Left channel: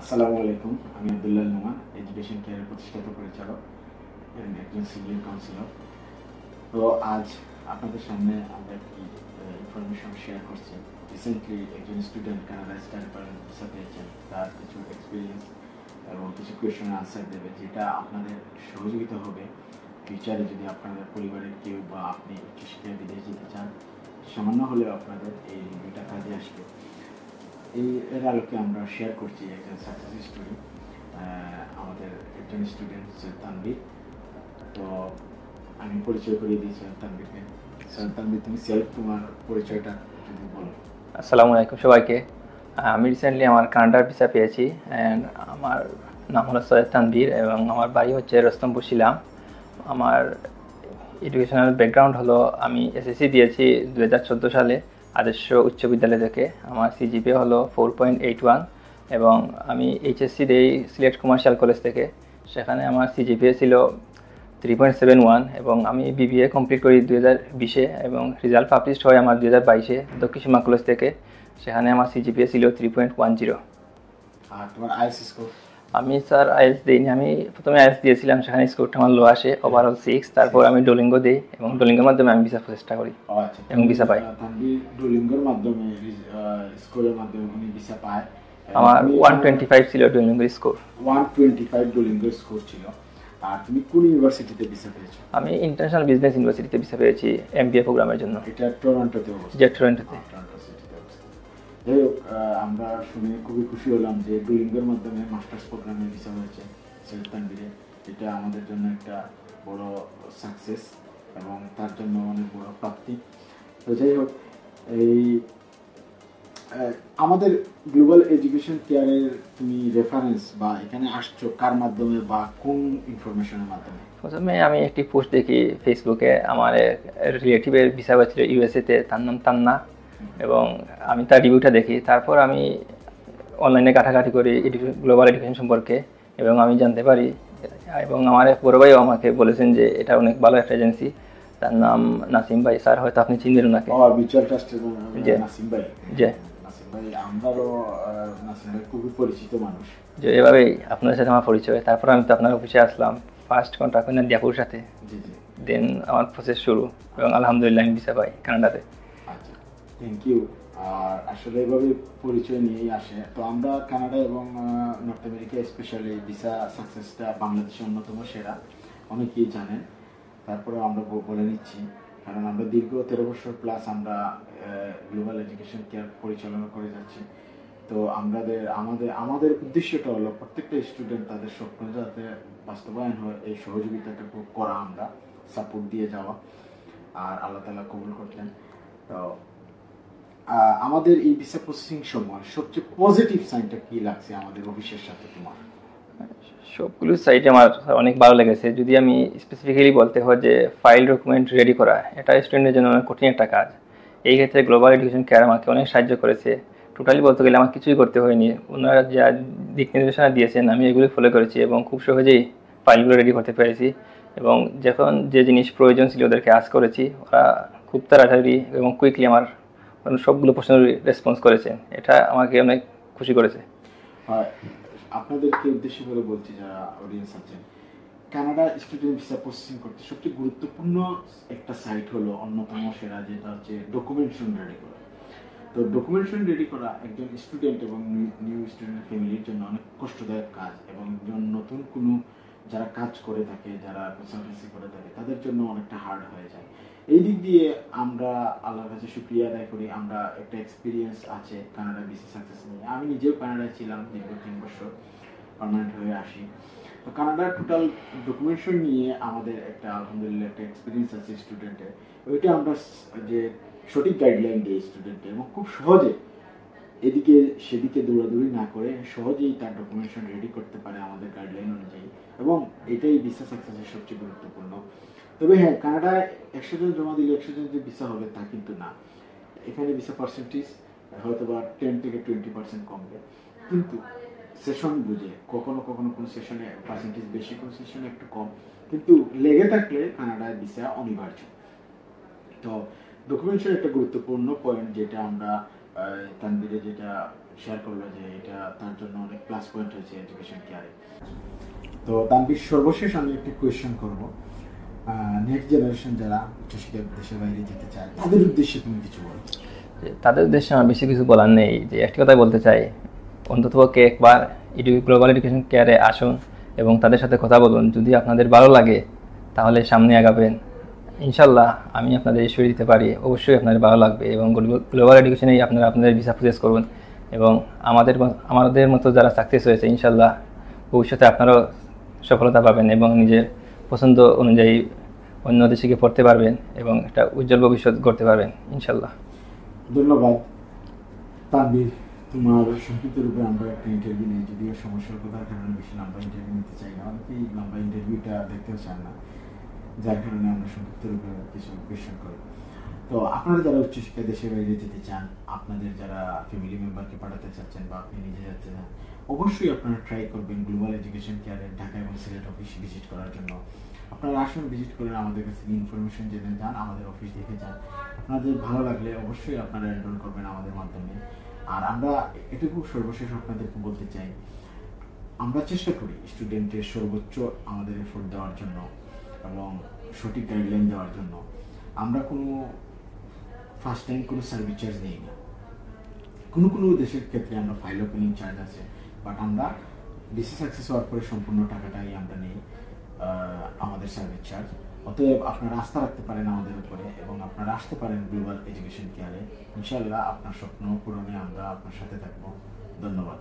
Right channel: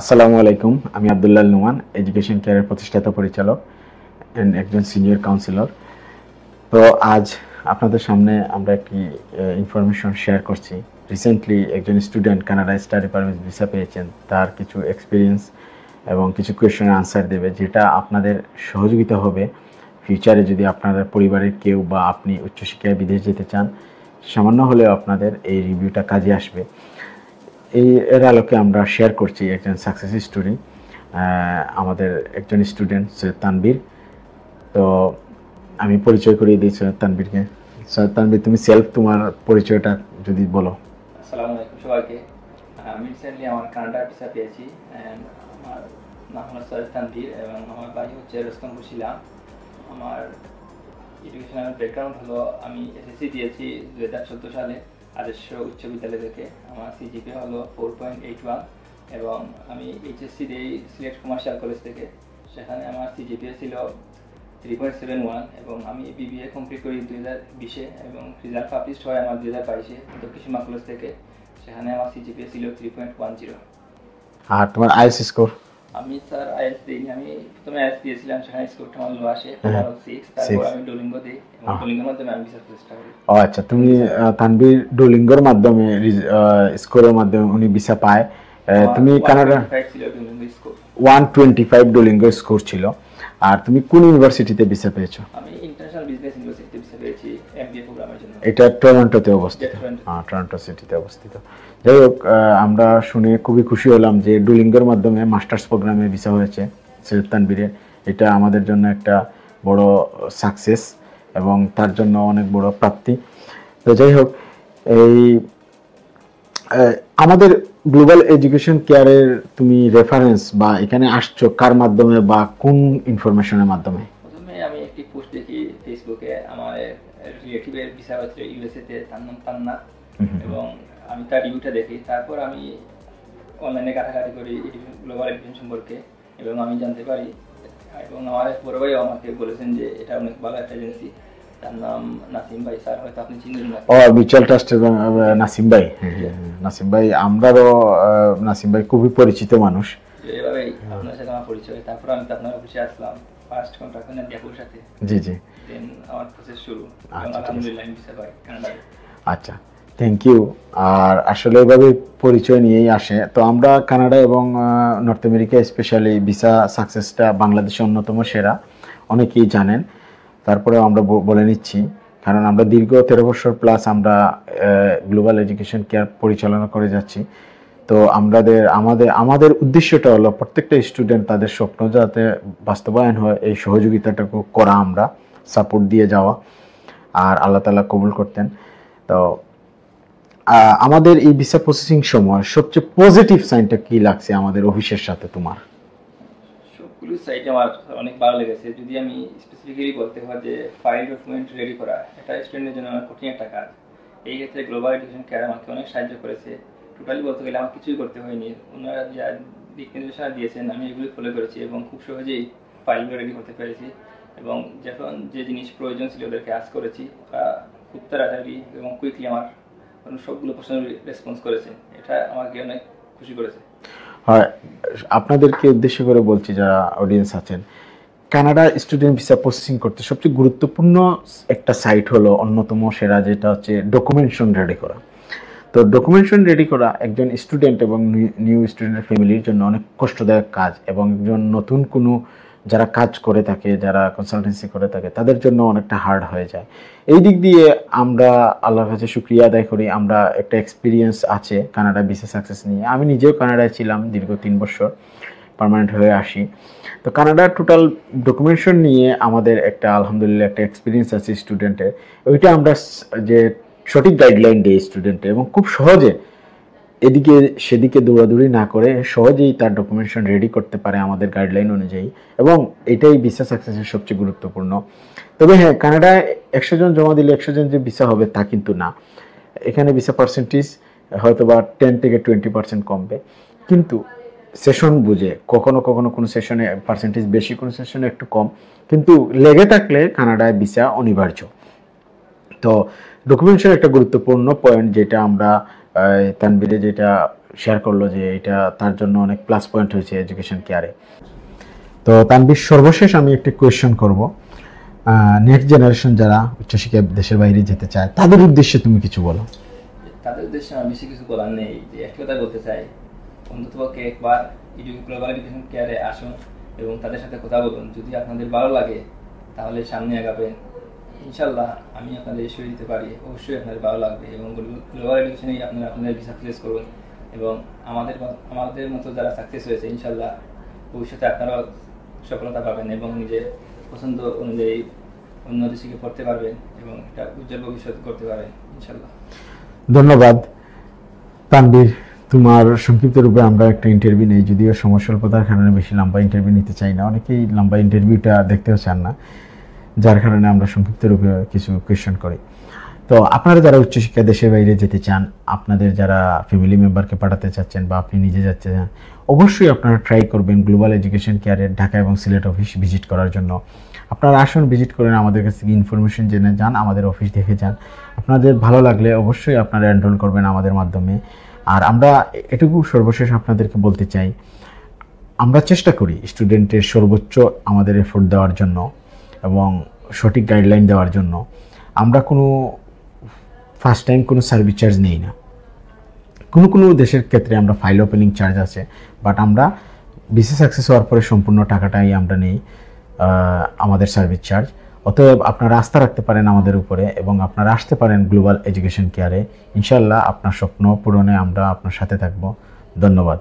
আসসালামু আলাইকুম। আমি আব্দুল্লাহ নোমান, এডুকেশন কেয়ারের প্রতিষ্ঠাতা পরিচালক এন্ড একজন সিনিয়র কাউন্সিলর। তো আজ আপনাদের সামনে আমরা একটি ইনফরমেশন শেয়ার করছি। রিসেন্টলি একজন স্টুডেন্ট কানাডায় স্টাডি পারমিট ভিসা পেয়েছেন। তার কিছু এক্সপিরিয়েন্স এবং কিছু কোয়েশ্চেনের আনসার দেবে, যেটা আপনাদের সহযোগিতা হবে ফিউচারে যদি আপনাদের পরিবারের কেউ বা আপনি উচ্চশিক্ষায় বিদেশ যেতে চান। সামান্য হলেও আপনাদের এই রিভিউটা কাজে আসবে। এর আলোকে আমরা শেয়ার করছি একজন সাকসেস স্টোরি। আমাদের একজন স্টুডেন্ট সৈয়দ তানবীর। তো আমি পরিচয় করিয়ে দিই সৈয়দ তানবীরকে। সৈয়দ তানবীর, তুমি তোমার পরিচয়টা যদি বলো। আসসালামু আলাইকুম সবাইকে। আমি রিসেন্টলি আমার কানাডার ভিসা পেয়েছি অ্যান্ড আমার নাম হলো সৈয়দ তানভীর এবং আমার বাড়ি হচ্ছে রস্তমপুর শিলাম। আমার এডুকেশনাল ব্যাকগ্রাউন্ড হলো আমি এসএসসি দিয়েছি 2014 সালে আদর্শ উচ্চ বিদ্যালয় থেকে। আমার সিজিপিএ হলো 4.81 এবং আমি এইচএসসি দিই সিলেট কমার্শিয়াল কলেজ থেকে। সেখানে আমার সিজিপিএ ছিল 3.71 এবং আমি বিবিএ কমপ্লিট করি 2020-এ এবং রেজাল্ট পাবলিশড হয় আমার 2022-এ দক্ষিণ সীমা কলেজ থেকে। সেখানে আমার সিজিপিএ ছিল 3.10। আর তোমার আইএস স্কোর? আমি স্যার আইএলটিএস দিইনি, আমি প্রথমে আইএলটিএস দিয়েছিলাম, সেখানে স্কোরটা আমার লো আসে, ওভারঅল 6। তারপর আমি ডুওলিঙ্গো দিই এবং ডুওলিঙ্গোর মাধ্যমে আমি ভিসা প্রচেষ্টা করি। ও আচ্ছা, তুমি তানবীর ডুওলিঙ্গোর মাধ্যমে স্কোরের মাধ্যমে উনি ভিসা পায়। তুমি কানাডা 125 ছিল ডুওলিঙ্গো স্কোর, 125 ডুওলিঙ্গো স্কোর ছিল। আর তুমি কোন ইউনিভার্সিটিতে ভিসা পেয়েছো? আমি ইন্টারন্যাশনাল বিজনেস ইউনিভার্সিটিতে ভিসা পেয়েছি এমবিএ প্রোগ্রামের জন্য। এটা টরন্টোতে অবস্থিত। টরন্টো সিটিতে অবস্থিত। যাই হোক, আমরা শুনে খুবই খুশি হলাম যে ডুওলিঙ্গোর মাধ্যমে মাস্টার্স প্রোগ্রামে ভিসা হয়েছে সৈয়দ তানবীরের। এটা আমাদের জন্য একটা বড় সাকসেস এবং তার জন্য অনেক বড় প্রাপ্তি। তো যাই হোক, এই আমাদের গ্লোবাল এডুকেশন কেয়ারের তুমি রেফারেন্স বা এখানে আসছো কার মাধ্যমে বা কোন ইনফরমেশনের মাধ্যমে? প্রথমে আমি একটি পোস্ট দেখি ফেসবুকে, আমার রিলেটিভের ভিসা হয়েছিল ইউএসএতে, তার নাম তান্না, এবং আমি তার রিভিউটা দেখি। তারপর আমি অনলাইনে ঘাটাঘাটি করি গ্লোবাল এডুকেশন সম্পর্কে এবং আমি জানতে পারি, এবং আমার এক বড় ভাইও আমাকে বলেছেন যে এটা অনেক ভালো একটা এজেন্সি। তার নাম নাসিম ভাই, স্যার হয়তো আপনি চিনেন নাকি? মিউচুয়াল ট্রাস্টের নাসিম ভাই। নাসিম ভাই, আমরাও নাসিম ভাই খুবই পরিচিত মানুষ। যে এভাবেই আপনাদের সাথে আমার পরিচয়। তারপর আমি তো আপনার অফিসে আসলাম, ফার্স্ট কন্ট্যাক্ট করেন দিয়াপুর সাথে। জি জি। দেন আমার প্রসেস শুরু এবং আলহামদুলিল্লাহ আমি ভিসা পাই কানাডাতে। আচ্ছা, থ্যাংক ইউ। আর আসলে এভাবে পরিচয় নিয়েই আসে। তো আমরা কানাডা এবং নর্থ আমেরিকা স্পেশালি ভিসা সাকসেসটা বাংলাদেশের অন্যতম সেরা, অনেকেই জানেন। তারপরে আমরা বলে নিচ্ছি, কারণ আমরা দীর্ঘ 13 বছর প্লাস আমরা গ্লোবাল এডুকেশন কেয়ার পরিচালনা করে যাচ্ছি। তো আমাদের উদ্দেশ্যটা হলো প্রত্যেকটা স্টুডেন্ট তাদের স্বপ্ন যাতে বাস্তবায়ন হয়, এই সহযোগিতাটাকে করা, আমরা সাপোর্ট দিয়ে যাওয়া। আর আল্লাহ তাআলা কবুল করতেন। তো আমাদের এই ভিসা প্রসেসিং সময় সবচেয়ে পজিটিভ সাইনটা কি লাগছে আমাদের অফিসের সাথে তোমার? সবগুলো সাইটে আমার অনেক ভালো লেগেছে। যদি আমি স্পেসিফিক্যালি বলতে হয় যে ফাইল ডকুমেন্ট রেডি করা, এটা স্টুডেন্টের জন্য অনেক কঠিন একটা কাজ। এই ক্ষেত্রে গ্লোবাল এডুকেশন কেয়ার আমাকে অনেক সাহায্য করেছে। টোটালি বলতে গেলে আমার কিছুই করতে হয়নি, ওনারা যা দিক নির্দেশনা দিয়েছেন আমি এগুলি ফলো করেছি এবং খুব সহজেই ফাইলগুলো রেডি করতে পেরেছি। এবং যখন যে জিনিস প্রয়োজন ছিল ওদেরকে আজ করেছি, ওরা খুব তাড়াতাড়ি এবং কুইকলি আমার সবগুলো প্রশ্নের রেসপন্স করেছে। এটা আমাকে অনেক খুশি করেছে। হয়, আপনাদেরকে উদ্দেশ্য করে বলছি যারা অডিয়েন্স আছেন, কানাডা স্টুডেন্ট ভিসা প্রসেসিং করতে সবচেয়ে গুরুত্বপূর্ণ একটা সাইট হলো অন্যতম সেরা, যেটা হচ্ছে ডকুমেন্টেশন রেডি করা। তো ডকুমেন্টেশন রেডি করা একজন স্টুডেন্ট এবং নিউ স্টুডেন্টের ফ্যামিলির জন্য অনেক কষ্টদায়ক কাজ, এবং একজন নতুন কোনো যারা কাজ করে থাকে, যারা কনসালটেন্সি করে থাকে, তাদের জন্য অনেকটা হার্ড হয়ে যায়। এই দিক দিয়ে আমরা আল্লাহর কাছে শুকরিয়া আদায় করি, আমরা একটা এক্সপিরিয়েন্স আছে কানাডা ভিসা সাকসেস নিয়ে। আমি নিজেও কানাডায় ছিলাম দীর্ঘ 3 বছর, পার্মানেন্ট হয়ে আসি। তো কানাডার টোটাল ডকুমেন্টেশন নিয়ে আমাদের একটা আলহামদুলিল্লাহ একটা এক্সপিরিয়েন্স আছে স্টুডেন্টের। ওইটা আমরা যে সঠিক গাইডলাইন দিই স্টুডেন্টে, এবং খুব সহজে এদিকে সেদিকে দৌড়াদৌড়ি না করে সহজেই তার ডকুমেন্টেশন রেডি করতে পারে আমাদের গাইডলাইন অনুযায়ী, এবং এটাই ভিসা সাকসেসের সবচেয়ে গুরুত্বপূর্ণ। তবে হ্যাঁ, কানাডায় 100 জন জমা দিলে 100 জন যে ভিসা হবে তা কিন্তু না। এখানে ভিসা পার্সেন্টেজ হয়তো বা 10 থেকে 20% কমবে, কিন্তু সেশন বুঝে কখনো কখনো কোনো সেশনে পার্সেন্টেজ বেশি, কোনো সেশনে একটু কম, কিন্তু লেগে থাকলে কানাডায় ভিসা অনিবার্য। তো ডকুমেন্টেশন একটা গুরুত্বপূর্ণ পয়েন্ট, যেটা আমরা তানবীরে যেটা শেয়ার করলো যে এটা তার জন্য অনেক প্লাস পয়েন্ট হয়েছে এডুকেশন কেয়ারে। তো তানভীর, সর্বশেষ আমি একটি কোয়েশ্চেন করব, নেক্সট জেনারেশন যারা উচ্চশিক্ষায় দেশের বাইরে যেতে চায় তাদের উদ্দেশ্যে তুমি কিছু বলো। তাদের উদ্দেশ্যে আমার বেশি কিছু বলার নেই, যে একটি কথাই বলতে চাই, অন্ততপক্ষে একবার গ্লোবাল এডুকেশন কেয়ারে আসুন এবং তাদের সাথে কথা বলুন। যদি আপনাদের ভালো লাগে তাহলে সামনে আগাবেন, ইনশাল্লাহ আমি আপনাদের ইস্যু দিতে পারি, অবশ্যই আপনাদের ভালো লাগবে। এবং গ্লোবাল এডুকেশনেই আপনারা আপনাদের ভিসা প্রসেস করুন এবং আমাদের মতো যারা সাকসেস হয়েছে ইনশাল্লাহ ভবিষ্যতে আপনারাও সফলতা পাবেন এবং নিজের পছন্দ অনুযায়ী অন্য দেশে গিয়ে পড়তে পারবেন এবং একটা উজ্জ্বল ভবিষ্যৎ গড়তে পারবেন ইনশাল্লাহ। ধন্যবাদ তানভীর, তোমার সংক্ষিপ্ত রূপে আমরা একটা ইন্টারভিউ নেই, যদিও সময় স্বল্পতার কারণে বেশি লম্বা ইন্টারভিউ নিতে চাই না, অনেকেই লম্বা ইন্টারভিউটা দেখতেও চান না, যার কারণে আমরা সংক্ষিপ্ত রূপে কিছু কোয়েশ্চেন করি। তো আপনারা যারা উচ্চশিক্ষা দেশের বাইরে যেতে চান, আপনাদের যারা ফ্যামিলি মেম্বারকে পাঠাতে চাচ্ছেন বা আপনি নিজে যাচ্তে চান, অবশ্যই আপনারা ট্রাই করবেন গ্লোবাল এডুকেশন কেয়ারের ঢাকা এবং সিলেট অফিস ভিজিট করার জন্য। আপনারা আসুন, ভিজিট করেন, আমাদের কাছ থেকে ইনফরমেশন জেনে যান, আমাদের অফিস দেখে যান। আপনাদের ভালো লাগলে অবশ্যই আপনারা এনরোল করবেন আমাদের মাধ্যমে। আর আমরা এটুকু সর্বশেষ আপনাদেরকে বলতে চাই, আমরা চেষ্টা করি স্টুডেন্টের সর্বোচ্চ আমাদের এফোর্ট দেওয়ার জন্য এবং সঠিক গাইডলাইন দেওয়ার জন্য। আমরা কোনো ফার্স্ট টাইম কোনো সার্ভিস চার্জ নেই না। কোনো দেশের ক্ষেত্রে আমরা ফাইল ওপেনিং চার্জ আছে, বাট আমরা ভিসা সাকসেস হওয়ার পরে সম্পূর্ণ টাকাটাই আমরা নেই আমাদের সার্ভিস চার্জ। অতএব আপনারা আস্থা রাখতে পারেন আমাদের উপরে এবং আপনারা আসতে পারেন গ্লোবাল এডুকেশন কেয়ারে। ইনশাল্লাহ আপনার স্বপ্ন পূরণে আমরা আপনার সাথে থাকব। ধন্যবাদ।